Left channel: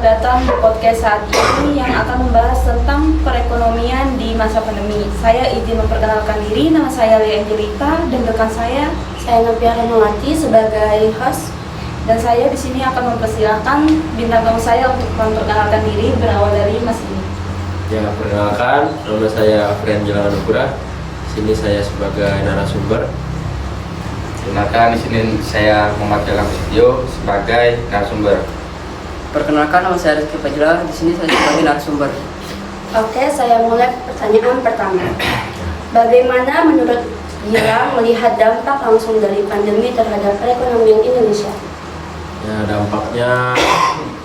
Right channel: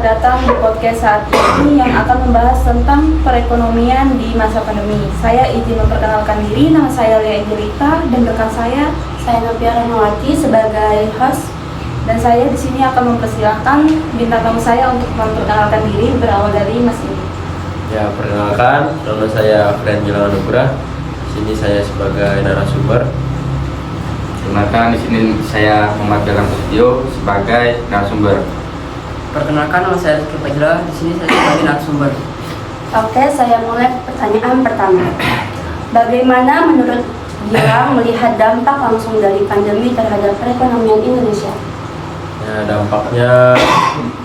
selamat datang di podcast saat ini yang akan membahas tentang perekonomian di masa pandemi. Saya izin memperkenalkan diri, nama saya Lia Angelita dan rekan saya Novia Rahmawati sebagai host. dan saya di sini akan mempersilahkan bintang tamu saya untuk memperkenalkan diri berawal dari Mas ini. Ya, perkenalkan, nama saya Fren Gilang Anugrah. Sini saya sebagai narasumber. Perkenalkan, di sini saya Muhammad Galang Prasetyo sebagai narasumber. Perkenalkan, nama saya Rizky Fajrah. Di sini saya sebagai narasumber. Oke, saya mulai pertanyaan pertama. Bagaimana menurut Gilang melihat dampak langsung dari pandemi terhadap perekonomian Indonesia? Ya, dampaknya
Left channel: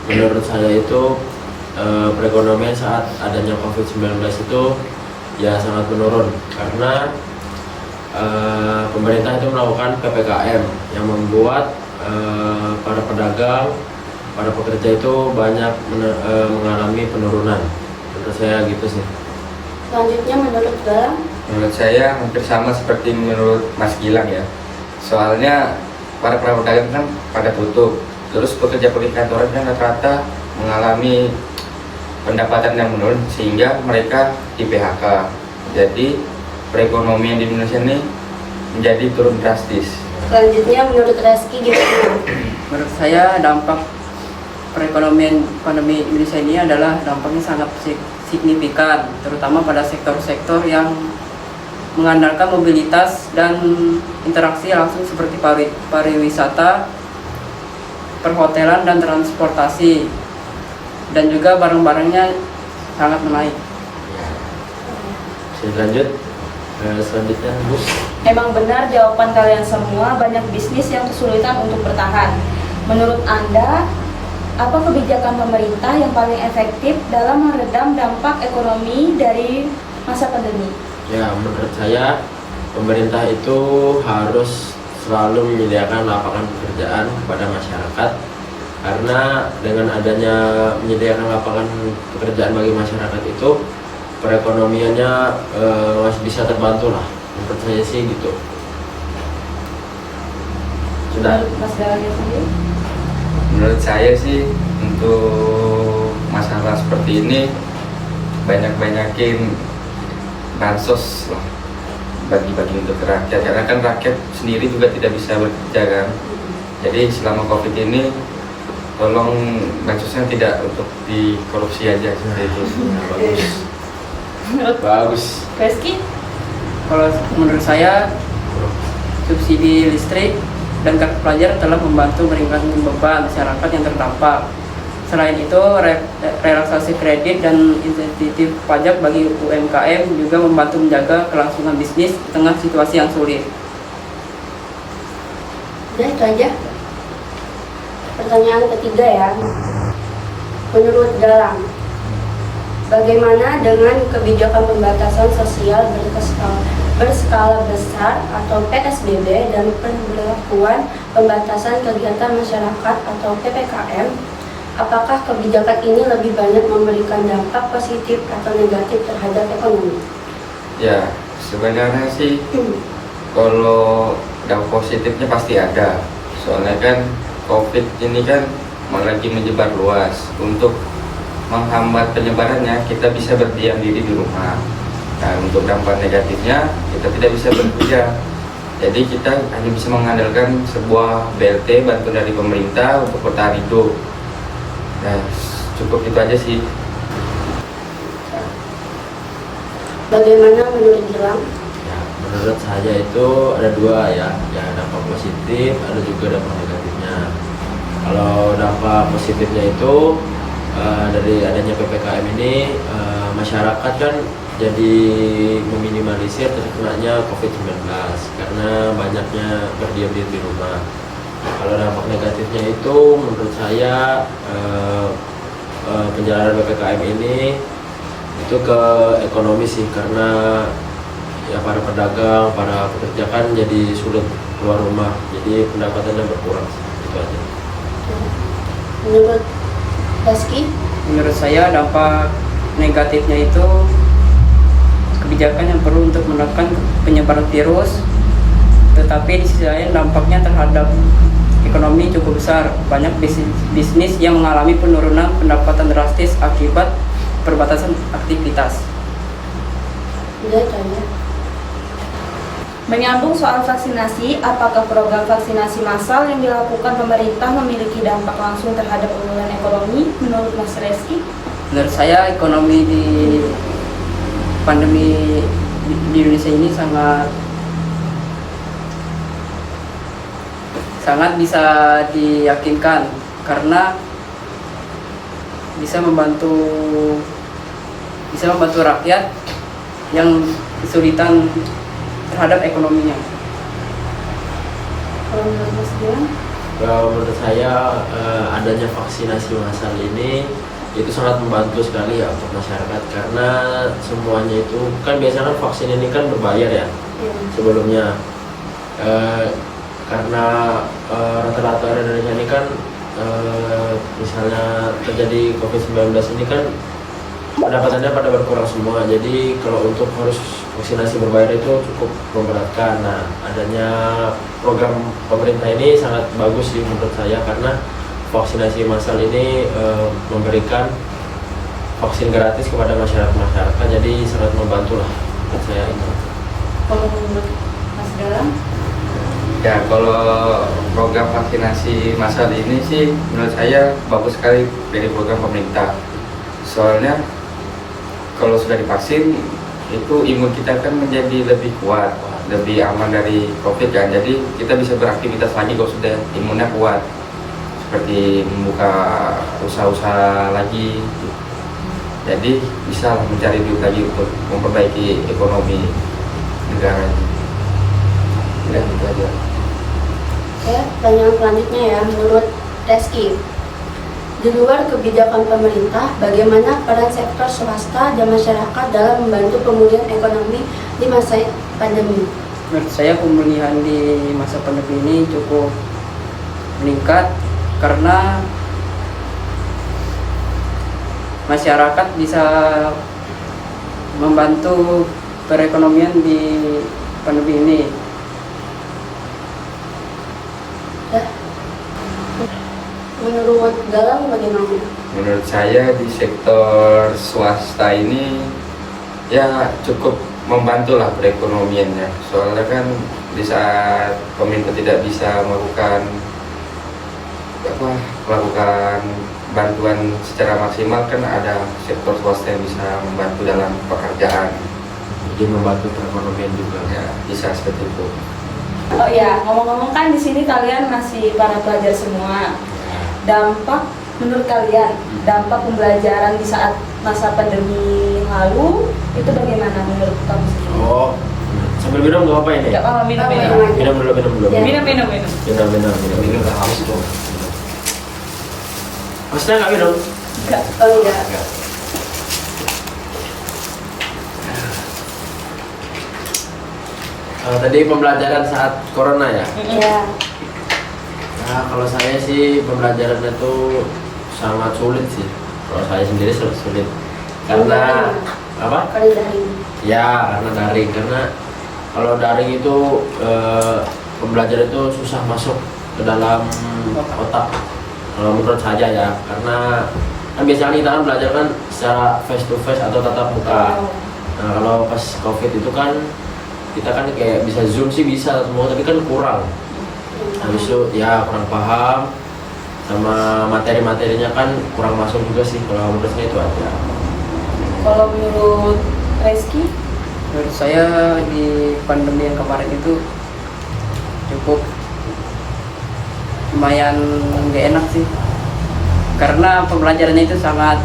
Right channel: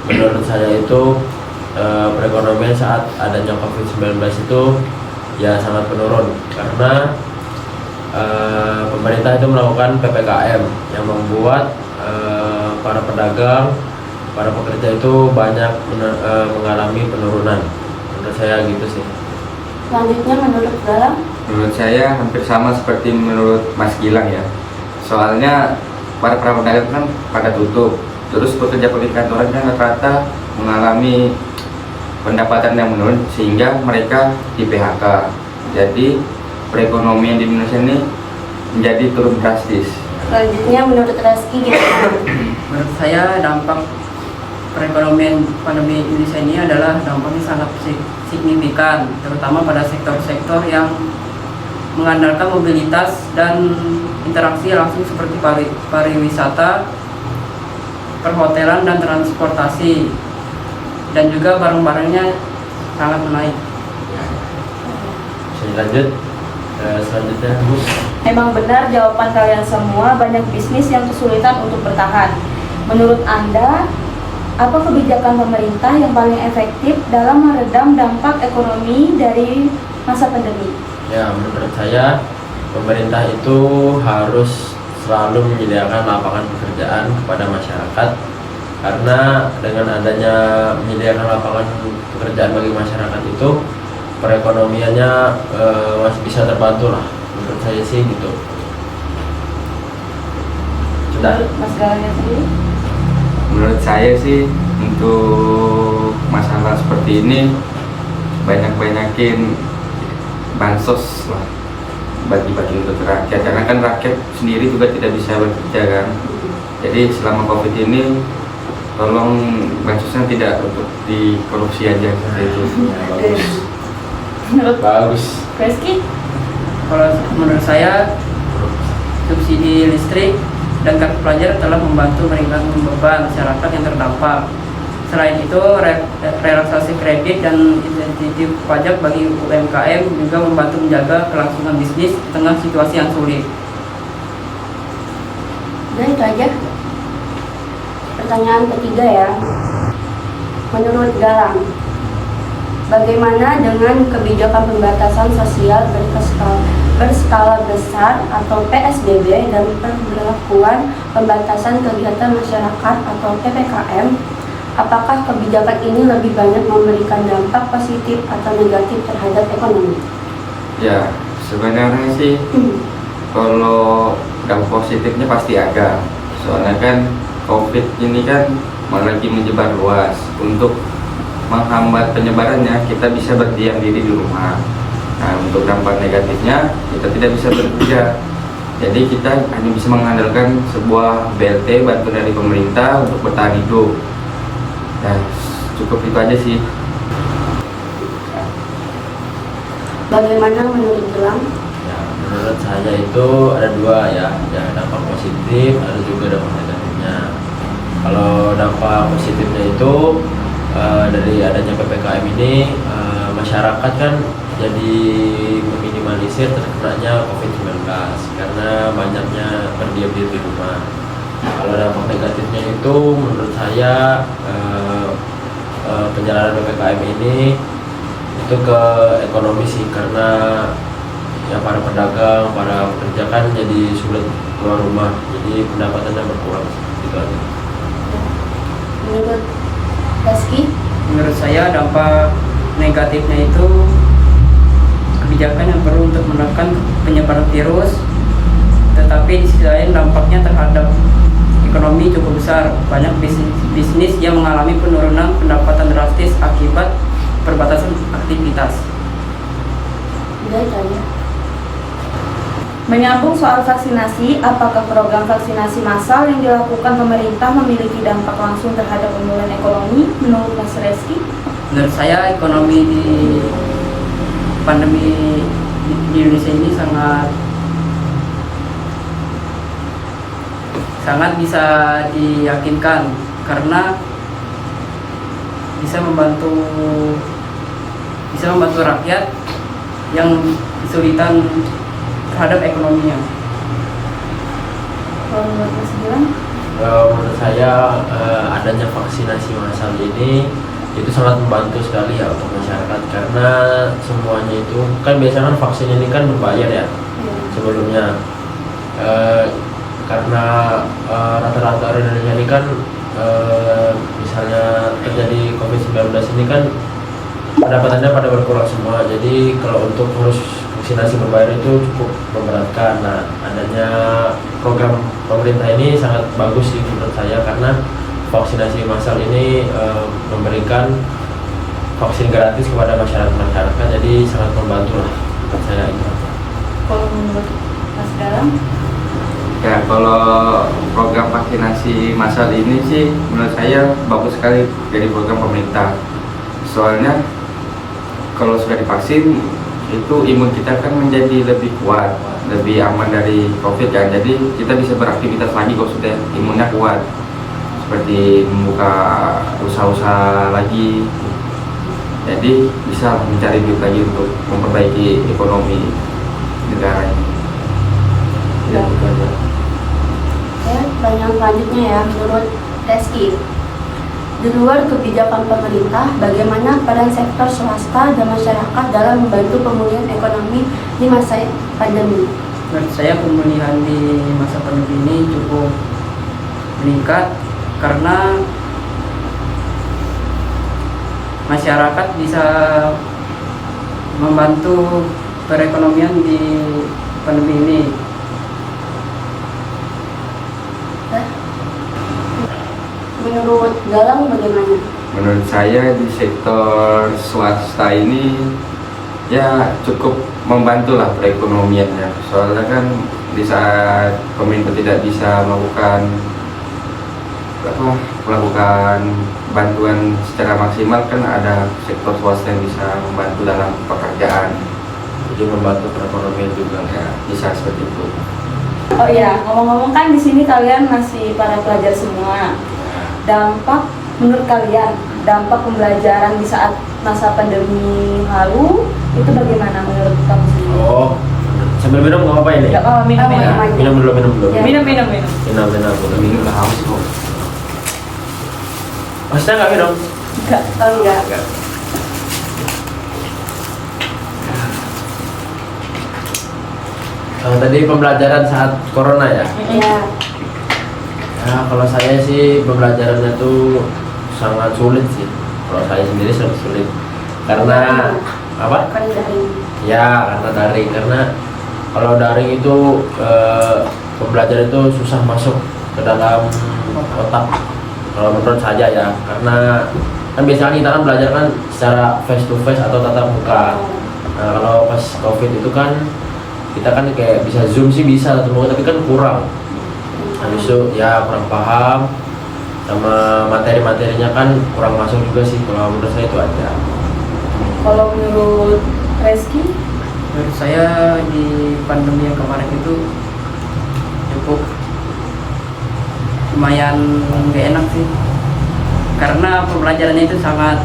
menurut saya itu perekonomian saat adanya COVID-19 itu ya sangat menurun karena pemerintah itu melakukan PPKM yang membuat para pedagang, para pekerja itu banyak mengalami penurunan. Menurut saya gitu sih. Selanjutnya menurut Gilang? Menurut saya hampir sama seperti menurut Mas Gilang ya. Soalnya para pedagang kan pada tutup, terus pekerja-pekerja kantoran kan rata-rata mengalami pendapatan yang menurun sehingga mereka di PHK. Jadi perekonomian di Indonesia ini menjadi turun drastis. Selanjutnya menurut Rizky gimana? Menurut saya dampak perekonomian pandemi Indonesia ini adalah dampaknya sangat signifikan, terutama pada sektor-sektor yang mengandalkan mobilitas dan interaksi langsung seperti pariwisata, perhotelan dan transportasi, dan juga barang-barangnya sangat menaik. Selanjutnya, Gus. Memang benar jawaban kalian semua, banyak bisnis yang kesulitan untuk bertahan. Menurut Anda, apa kebijakan pemerintah yang paling efektif dalam meredam dampak ekonomi dari masa pandemi? Ya, menurut saya pemerintah itu harus selalu menyediakan lapangan pekerjaan kepada masyarakat, karena dengan adanya menyediakan lapangan pekerjaan bagi masyarakat itu perekonomiannya masih bisa terbantu lah. Menurut saya sih gitu. Sudah. Menurut Mas Galangnya sendiri? Menurut saya sih untuk masalah seperti ini banyakin bansos lah, bagi-bagi untuk rakyat, karena kan rakyat sendiri juga tidak bisa bekerja kan. Jadi selama COVID ini tolong bansosnya tidak untuk dikorupsi aja seperti itu. Bagus. Menurut Bagus. Rizky? Kalau menurut saya, subsidi listrik dan kartu pelajar telah membantu meringankan beban masyarakat yang terdampak. Selain itu, relaksasi kredit dan insentif pajak bagi UMKM juga membantu menjaga kelangsungan bisnis di tengah situasi yang sulit. Dan itu aja. Pertanyaan ketiga ya. Menurut Galang, bagaimana dengan kebijakan pembatasan sosial berskala besar atau PSBB dan pemberlakuan pembatasan kegiatan masyarakat atau PPKM? Apakah kebijakan ini lebih banyak memberikan dampak positif atau negatif terhadap ekonomi? Ya, sebenarnya sih kalau dampak positifnya pasti ada. Soalnya kan COVID ini kan lagi menyebar luas. Untuk menghambat penyebarannya, kita bisa berdiam diri di rumah. Nah, untuk dampak negatifnya, kita tidak bisa bekerja. Jadi kita hanya bisa mengandalkan sebuah BLT, bantuan dari pemerintah untuk bertahan hidup. Nah, cukup itu aja sih. Bagaimana menurut Gilang? Ya, menurut saya itu ada dua ya, dampak positif, ada juga dampak negatifnya. Kalau dampak positifnya itu dari adanya PPKM ini masyarakat kan jadi meminimalisir terkenanya COVID-19 karena banyaknya berdiam diri di rumah. Kalau dampak negatifnya itu menurut saya penjalanan PPKM ini itu ke ekonomi sih, karena ya para pedagang, para pekerja kan jadi sulit keluar rumah, jadi pendapatannya berkurang. Itu aja. Menurut Rizky? Menurut saya dampak negatifnya itu kebijakan yang perlu untuk menekan penyebaran virus, tetapi di sisi lain dampaknya terhadap ekonomi cukup besar. Banyak bisnis yang mengalami penurunan pendapatan drastis akibat perbatasan aktivitas. Udah itu aja. Menyambung soal vaksinasi, apakah program vaksinasi massal yang dilakukan pemerintah memiliki dampak langsung terhadap pemulihan ekonomi menurut Mas Reski? Menurut saya ekonomi di pandemi di Indonesia ini sangat bisa diyakinkan karena bisa membantu rakyat yang kesulitan terhadap ekonominya. Kalau menurut Mas Gilang? Menurut saya adanya vaksinasi massal ini itu sangat membantu sekali ya untuk masyarakat, karena semuanya itu kan biasanya kan vaksin ini kan berbayar ya sebelumnya. Karena rata-rata orang Indonesia ini kan misalnya terjadi COVID-19 ini kan pendapatannya pada berkurang semua, jadi kalau untuk harus vaksinasi berbayar itu cukup memberatkan. Nah, adanya program pemerintah ini sangat bagus sih menurut saya, karena vaksinasi massal ini memberikan vaksin gratis kepada masyarakat, jadi sangat membantu lah menurut saya itu. Kalau menurut Mas Galang? Ya, kalau program vaksinasi massal ini sih menurut saya bagus sekali dari program pemerintah. Soalnya kalau sudah divaksin itu imun kita kan menjadi lebih kuat, lebih aman dari COVID kan. Jadi kita bisa beraktivitas lagi kalau sudah imunnya kuat, seperti membuka usaha-usaha lagi. Jadi bisa mencari duit lagi untuk memperbaiki ekonomi negara. Ya, gitu aja. Oke, pertanyaan selanjutnya ya, menurut Reski, di luar kebijakan pemerintah, bagaimana peran sektor swasta dan masyarakat dalam membantu pemulihan ekonomi di masa pandemi? Menurut saya pemulihan di masa pandemi ini cukup meningkat karena masyarakat bisa membantu perekonomian di pandemi ini. Menurut Galang bagaimana? Menurut saya di sektor swasta ini ya cukup membantu lah perekonomiannya. Soalnya kan di saat pemerintah tidak bisa melakukan bantuan secara maksimal, kan ada sektor swasta yang bisa membantu dalam pekerjaan. Jadi membantu perekonomian juga ya. Bisa seperti itu. Oh ya, ngomong-ngomong kan di sini kalian masih para pelajar semua. Dampak menurut kalian, dampak pembelajaran di saat masa pandemi lalu itu bagaimana menurut kamu sendiri? Oh, sambil minum nggak apa-apa ini? Nggak apa-apa, minum. Minum dulu. Ya. Minum. Minum udah haus kok. Maksudnya nggak minum? Enggak. Oh enggak. Tadi pembelajaran saat corona ya? Ya. Nah, kalau saya sih pembelajaran itu sangat sulit sih. Kalau saya sendiri sangat sulit. Karena apa? Karena daring. Ya, karena daring. Karena kalau daring itu pembelajaran itu susah masuk ke dalam otak. Kalau menurut saya ya, karena kan biasanya kita kan belajar kan secara face to face atau tatap muka. Nah, kalau pas COVID itu kan kita kan kayak bisa zoom sih bisa tatap muka, tapi kan kurang. Habis itu ya kurang paham, sama materi-materinya kan kurang masuk juga sih. Kalau menurut saya itu aja. Kalau menurut Reski? Menurut saya di pandemi yang kemarin itu cukup lumayan gak enak sih, karena pembelajarannya itu sangat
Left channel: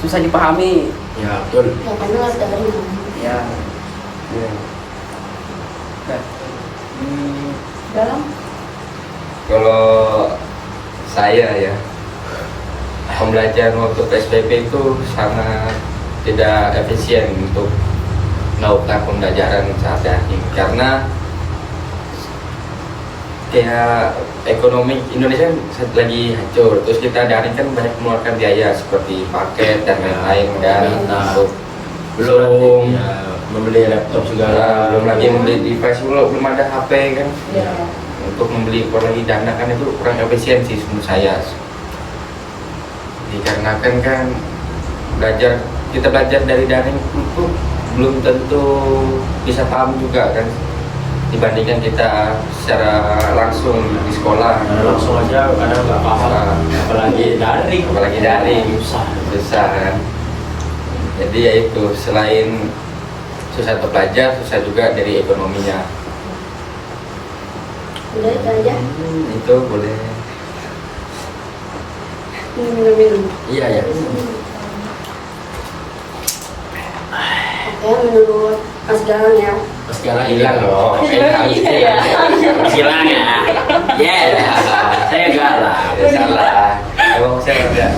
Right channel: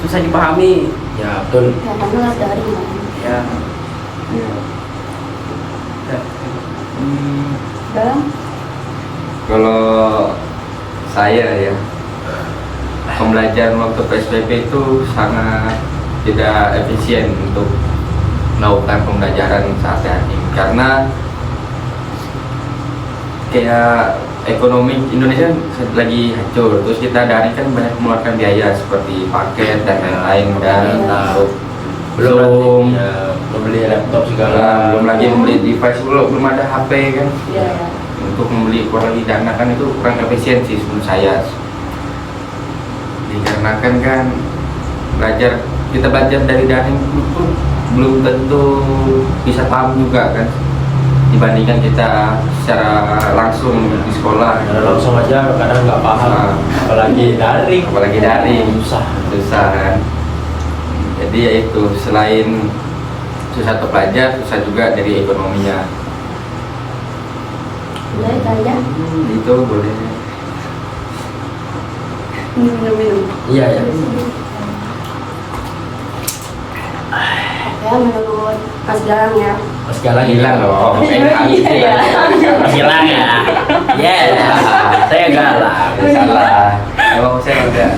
susah dipahami. Ya betul. Ya karena daring kan. Ya, Galang? Kalau saya ya, pembelajaran waktu PSBB itu sangat tidak efisien untuk melakukan pembelajaran saat daring, karena kayak ekonomi Indonesia lagi hancur, terus kita daring kan banyak mengeluarkan biaya seperti paket dan lain-lain dan untuk belum ya, membeli laptop segala. belum lagi beli device, belum ada HP kan. Iya. untuk membeli impor lagi dana kan itu kurang efisiensi menurut saya. Dikarenakan kan kita belajar dari daring pun belum tentu bisa paham juga kan, dibandingkan kita secara langsung di sekolah. Langsung aja kadang nggak paham, apalagi daring susah kan. Jadi ya itu, selain susah untuk belajar, susah juga dari ekonominya. Udah itu aja. Itu boleh. Minum. Iya ya. Oke, menurut Mas Galang ya. Mas Galang Hilang loh. Iya ya. Mas Galang ya. Ya, saya Galang. Salah. Kalau saya enggak.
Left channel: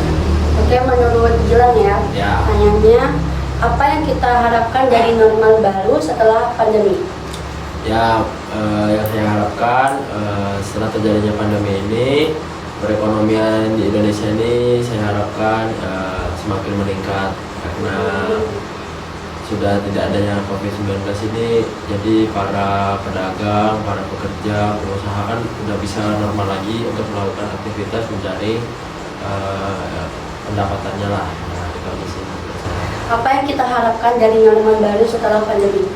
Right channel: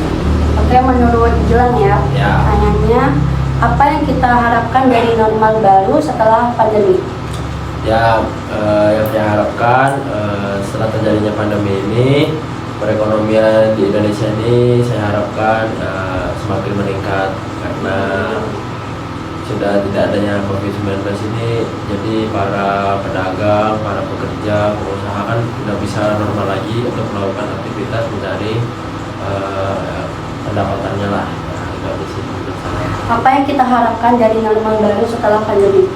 Oke, menurut Gilang ya. Ya. Pertanyaannya, apa yang kita harapkan dari normal baru setelah pandemi? Ya, yang saya harapkan setelah terjadinya pandemi ini, perekonomian di Indonesia ini saya harapkan semakin meningkat karena sudah tidak adanya COVID-19 ini. Jadi para pedagang, para pekerja, pengusaha kan sudah bisa normal lagi untuk melakukan aktivitas mencari pendapatannya lah. Nah, itu di sini menurut saya. Apa yang kita harapkan dari normal baru setelah pandemi?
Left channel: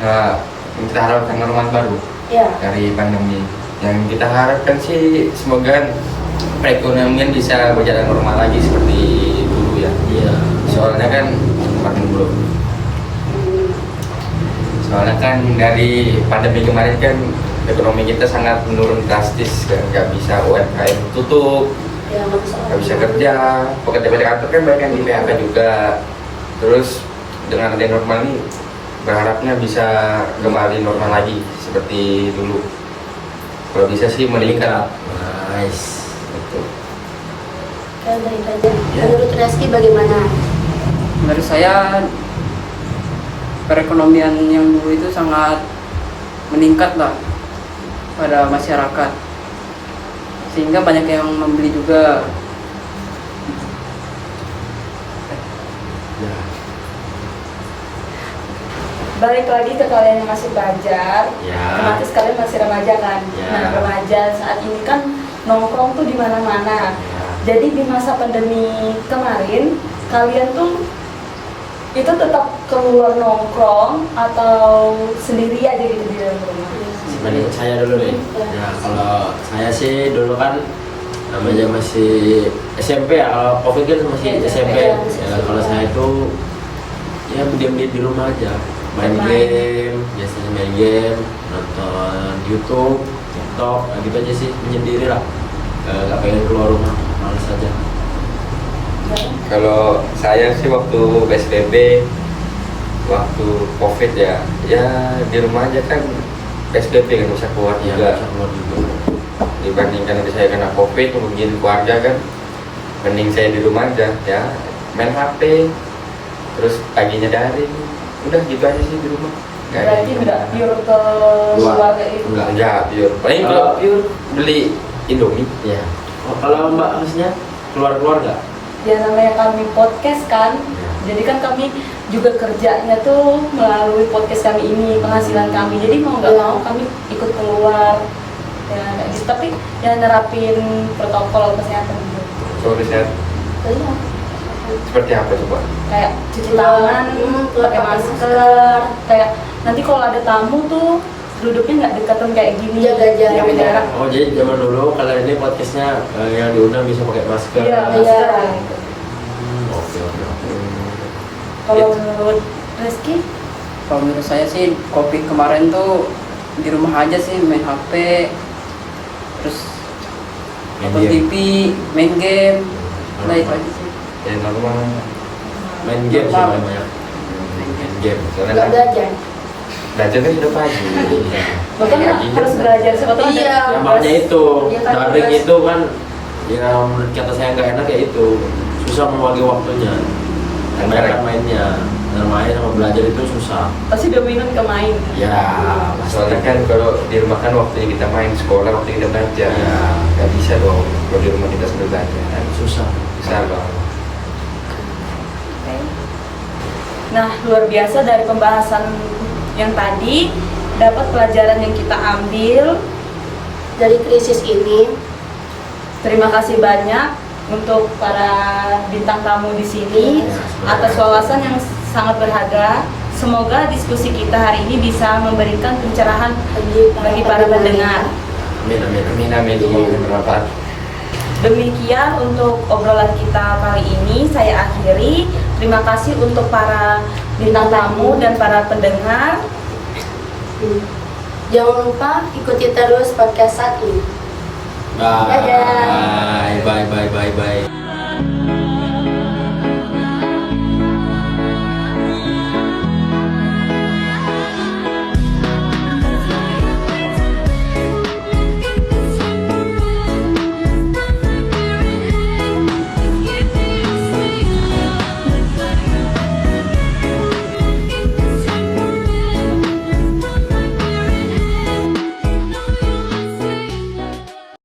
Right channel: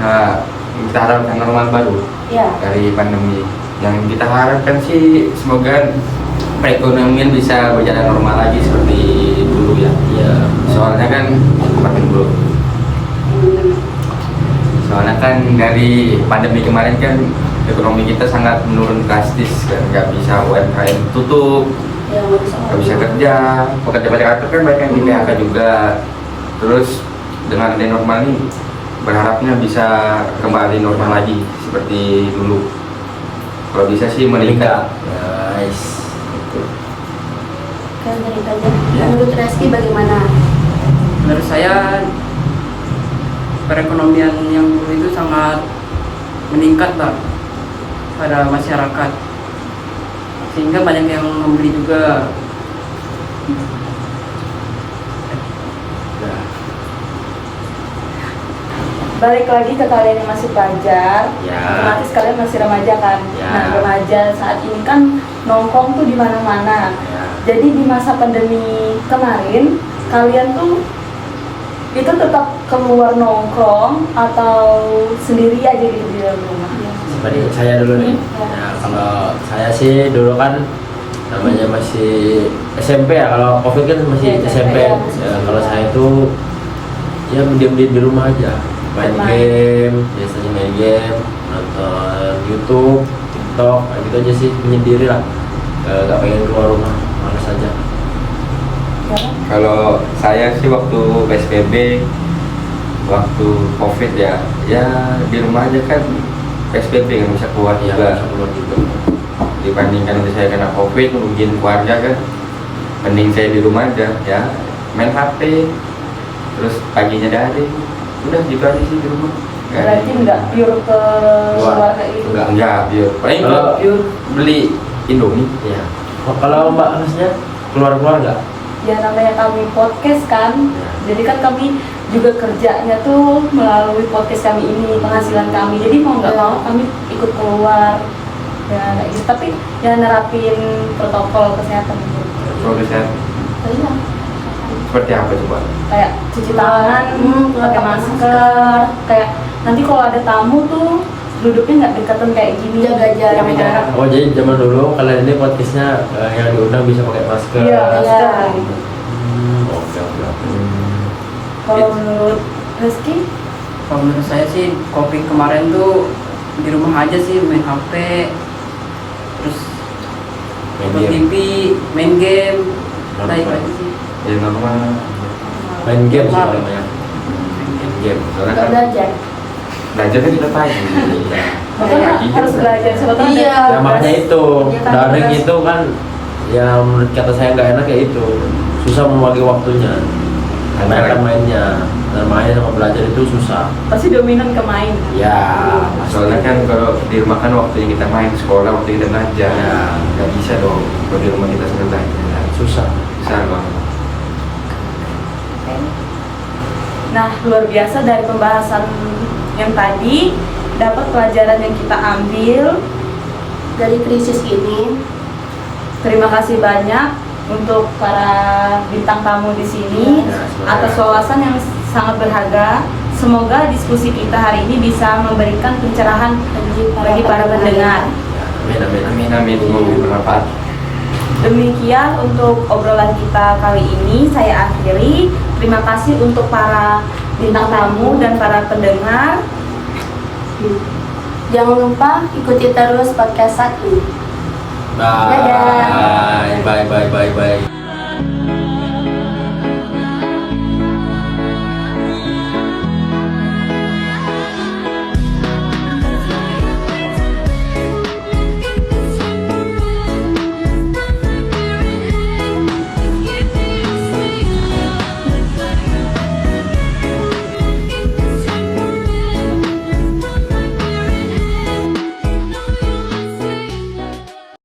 Nah, kita harapkan normal baru Ya. dari pandemi. Yang kita harapkan sih semoga perekonomian bisa berjalan normal lagi seperti dulu ya. Iya. Soalnya kan seperti dulu. Soalnya kan dari pandemi kemarin kan ekonomi kita sangat menurun drastis kan, nggak bisa UMKM tutup, Ya, nggak bisa kerja, pekerja kantor kan banyak yang di PHK juga. Terus dengan adanya normal ini berharapnya bisa kembali normal lagi seperti dulu. Kalau bisa sih meningkat. Nice. Betul. Oke, dari itu aja. Menurut Reski bagaimana? Menurut saya perekonomian yang dulu itu sangat meningkat lah pada masyarakat, sehingga banyak yang membeli juga. Balik lagi ke kalian yang masih pelajar, Ya. otomatis kalian masih remaja kan. Ya. Nah, remaja saat ini kan nongkrong tuh di mana-mana. Ya. Jadi di masa pandemi kemarin, kalian tuh itu tetap keluar nongkrong atau sendiri aja gitu di dalam rumah? Dibanding saya dulu nih. Ya. Ya, kalau saya sih dulu kan namanya masih SMP ya. Kalau COVID kan masih Iya, SMP. ya, masih Ya, SMP. kalau saya itu ya diam-diam di rumah aja, main Bermain. game, biasanya main game, nonton YouTube, TikTok, gitu aja sih, menyendiri lah. Gak pengen keluar rumah, malas aja. Kalau saya sih waktu PSBB, waktu COVID ya di rumah aja kan, PSBB nggak bisa keluar Ya, juga. bisa keluar juga. Dibandingkan nanti saya kena COVID, mungkin keluarga kan, mending saya di rumah aja ya, main HP, terus paginya daring, udah gitu aja sih di rumah. Berarti nggak pure ke luar kayak gitu? Enggak, pure. Paling Kalau- pure beli Indomie. Iya. Kalau Mbak harusnya keluar nggak? Ya namanya kami podcast kan, Ya. jadi kan kami juga kerjanya tuh melalui podcast kami ini, penghasilan kami. Jadi mau nggak mau kami ikut keluar, ya kayak gitu. Tapi ya nerapin protokol kesehatan gitu. Soalnya saya Iya. seperti apa coba? Kayak cuci tangan, pakai masker. Kayak nanti kalau ada tamu tuh duduknya nggak dekatan kayak gini. Jaga jarak. Jaga jarak. Oh, jadi zaman dulu kalian ini podcastnya yang diundang bisa pakai masker. Iya, Iya. masker. Oke, oke, oke. Kalau menurut Rizky, Kalau menurut saya sih COVID kemarin tuh di rumah aja sih, main HP, terus Main nonton game. TV, main game, nah itu Normal. aja sih. Jadi normal. Main game sih Normal. namanya. Main game. Soalnya Nggak kan belajar. belajar kan kita pagi. betul nggak harus belajar sebetulnya ada Iya. Ya, makanya itu Kegiatan daring tugas. itu kan yang menurut kata saya nggak enak ya itu susah membagi waktunya. Kebanyakan mainnya, dan main sama belajar itu susah. pasti dominan ke main. Ya, Soalnya kan kalau di rumah kan waktunya kita main sekolah, waktu kita belajar. Ya. Nggak bisa dong kalau di rumah kita sambil belajar. susah. Bisa banget. Nah, luar biasa dari pembahasan yang tadi, dapat pelajaran yang kita ambil dari krisis ini. Terima kasih banyak untuk para bintang tamu di sini atas wawasan yang sangat berharga. Semoga diskusi kita hari ini bisa memberikan pencerahan bagi para pendengar. Amin, amin, amin. Amin, semoga bermanfaat. Demikian untuk obrolan kita kali ini, saya akhiri. Terima kasih untuk para bintang tamu dan para pendengar. Jangan lupa ikuti terus podcast saat ini. Bye. Dadah. Bye, bye, bye, bye.